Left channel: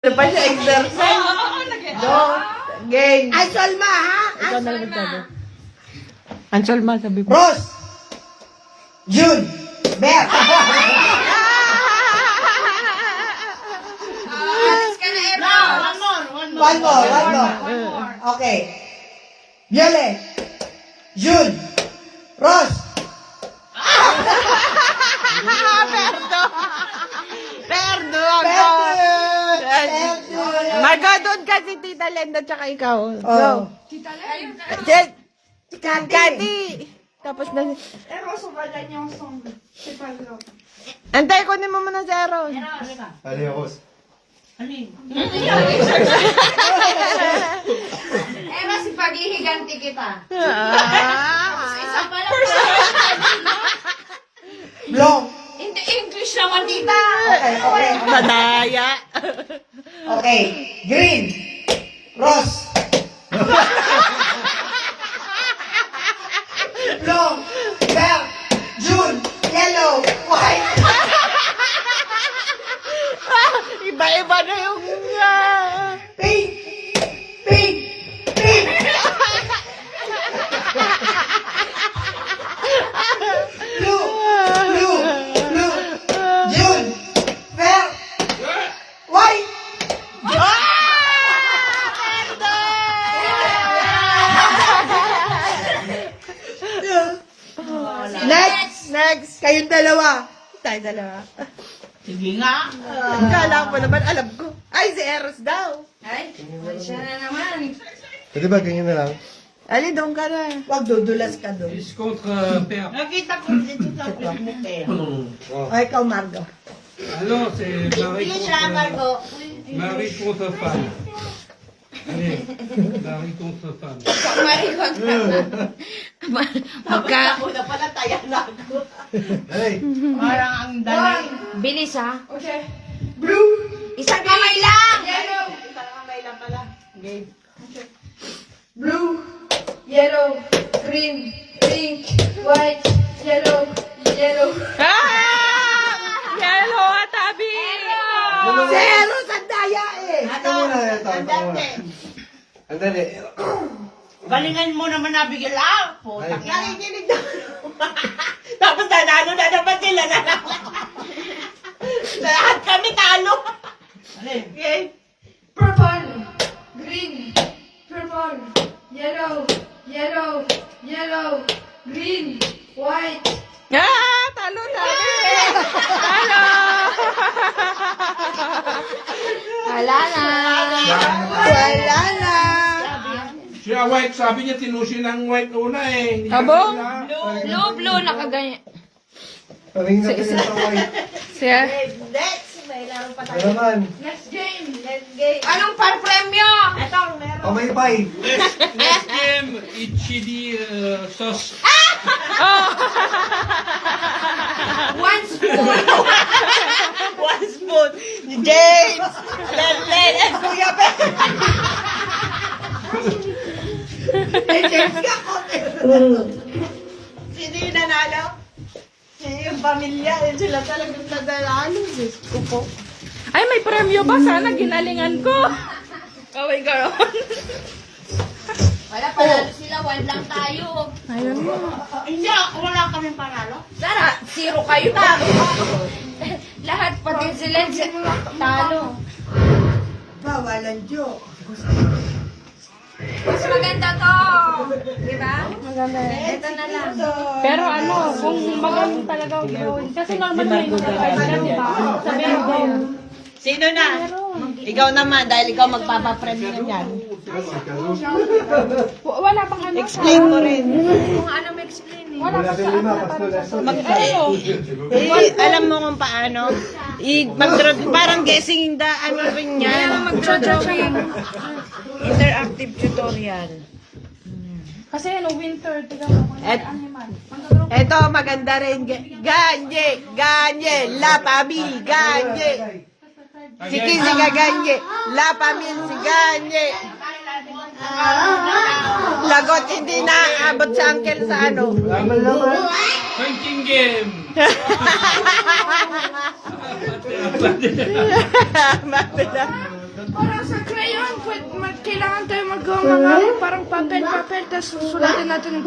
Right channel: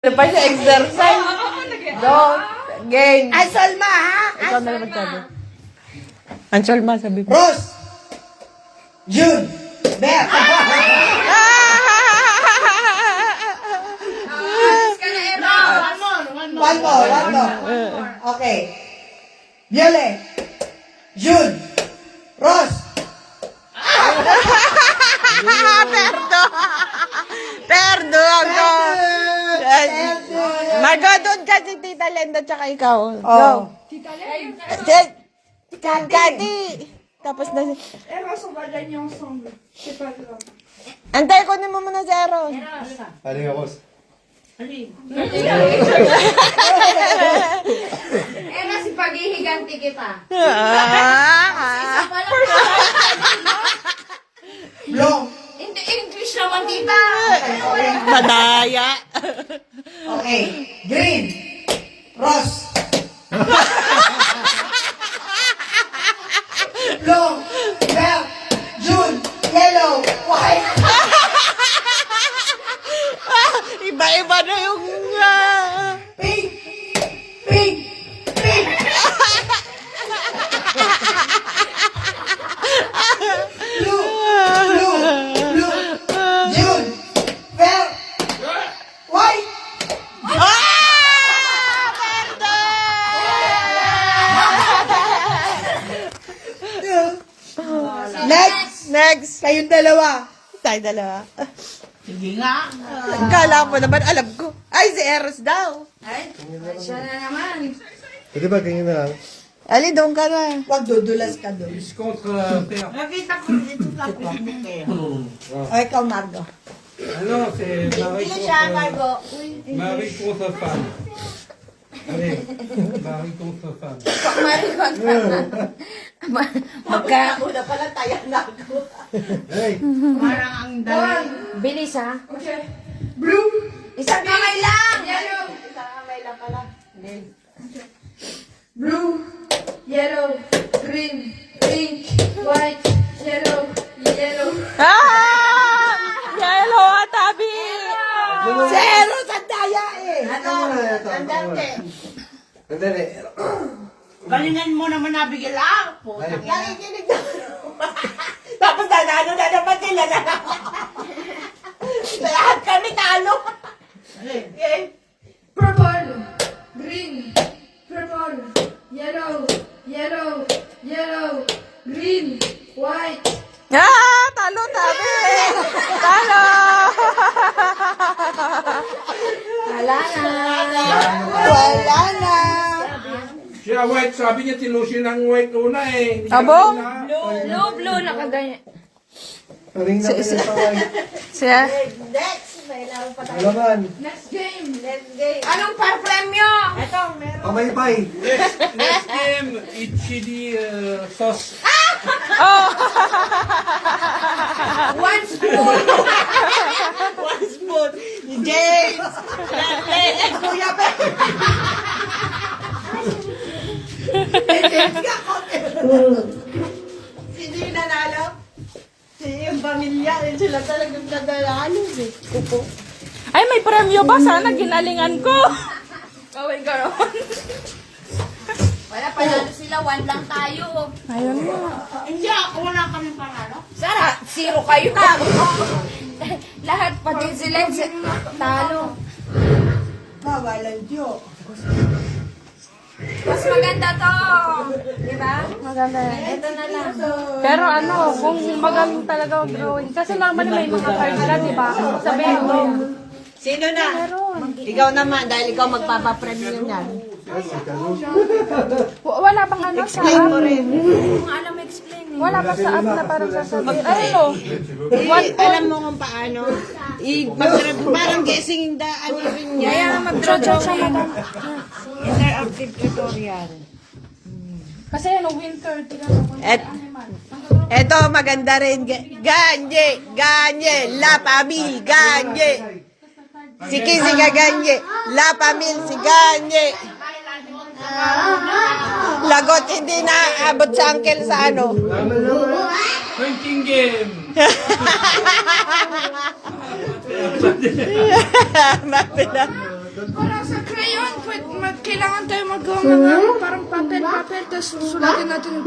Ano pa siya, exercise? Don't, game. Ay, Solma, ha? Ikaw na lang magsabi. Ang Solma, sabi mo. Rose! Yun! Ber! One more. Okay. Violet. Yun. Rose. Perdo! Perdo ako! Magadon ka si Tita Lenda tsaka ikaw. Go. Oh. Tita Lenda? Kati! Tapos na si... Antay, kunin mo muna si Eros. Ano yung boss? Ena, si paghihiganti kita. Isa pa lang. Long. Hindi English naman kita. Madaya. Okay. Green. Rose. Long. Black. June. Yellow. White. Iba-iba na yung... Pink. Pink. Pink. Blue. Blue. Blue. June. Fair. White. Next. Next. Kayong dalawa. Tayo dalawa. Sige nga. Kala mo naman, alam ko. Ay, si Eros daw. Ay, siya na naman. Pwede ba tingin na lang? Ali, doon ka na. Huwag dudulas ka doon. Contre père. Nakita ko dito sa Facebook eh. O, ikaw, Margo. Non, c'est mari Hindi siya, contre, Margo. mari contre femme. Allez, mari contre femme. Marikot naman. Magka... Una pala, taya na ako. Hey, Parang ang dali. Bilis ha. Okay. Blue. Isang kamay lang. Isang kamay lang pala. Okay. Blue, yellow, green, pink, white, yellow, yellow. Ah! Yellow atabi! Zero sa daya eh. ito muna. Andali. Galingan mo naman nabigil lang. Putak yan. Nakikinig na. Tapos nanalo na naman sila na. Lahat kami talo. Okay. Purple, green, purple, yellow, yellow, yellow, green, white. Ah! Talo tabi! Talo! Wala na. Wala na. Siya white, sabi niya tinusin ang white una eh. Hindi Abo? niya- Blue, nakaganyan. Paling na kayo sa white. Siya? Next. May lang pa Ano naman? Next game. Let's game. Anong par-premyo? Ito, meron. Pamalipay. Next game, chili sauce. One spoon. One spoon. James! Kuya Pe! Sino yung nanalo? Sino yung pamilya? Sila talagang nanalo. Gusto ko. Ay, may premyo ba? Sana ginalingan ko. Kaway ka. Wala, panalo sila. One lang tayo. Ayun na. Hindi, wala kami panalo. Sana, zero kayo. Lahat, pati sila, talo. Mawalan joke. Mas maganda to. Diba? Maganda. Ito na lang. Pero ano, kung magaling talaga ang drawing. Kasi naman may mga card ka, di ba? Sa meron. Sino na? Ikaw naman, dahil ikaw magpapapremyo yan. Wala bang ano sa Explain mo rin. Kung ano mo explain eh. Wala pa sa app na parang sasabihin. Ayun o. Alam mo kung paano? Parang guessing the ano rin niya. Kaya mag-draw siya. Interactive tutorial. Kasi ano, winter. Tignan mo kung Et, animal. eto, maganda rin. Ganye, ganye, la pamil, ganye. Si Kisi ka ganye, la pamil, si ganye. Lagot, hindi na abot sa uncle sa ano. Drinking game. Mapila. Para sa crayon, kailangan tayo magawa mga parang papel, tapos susulatin natin yung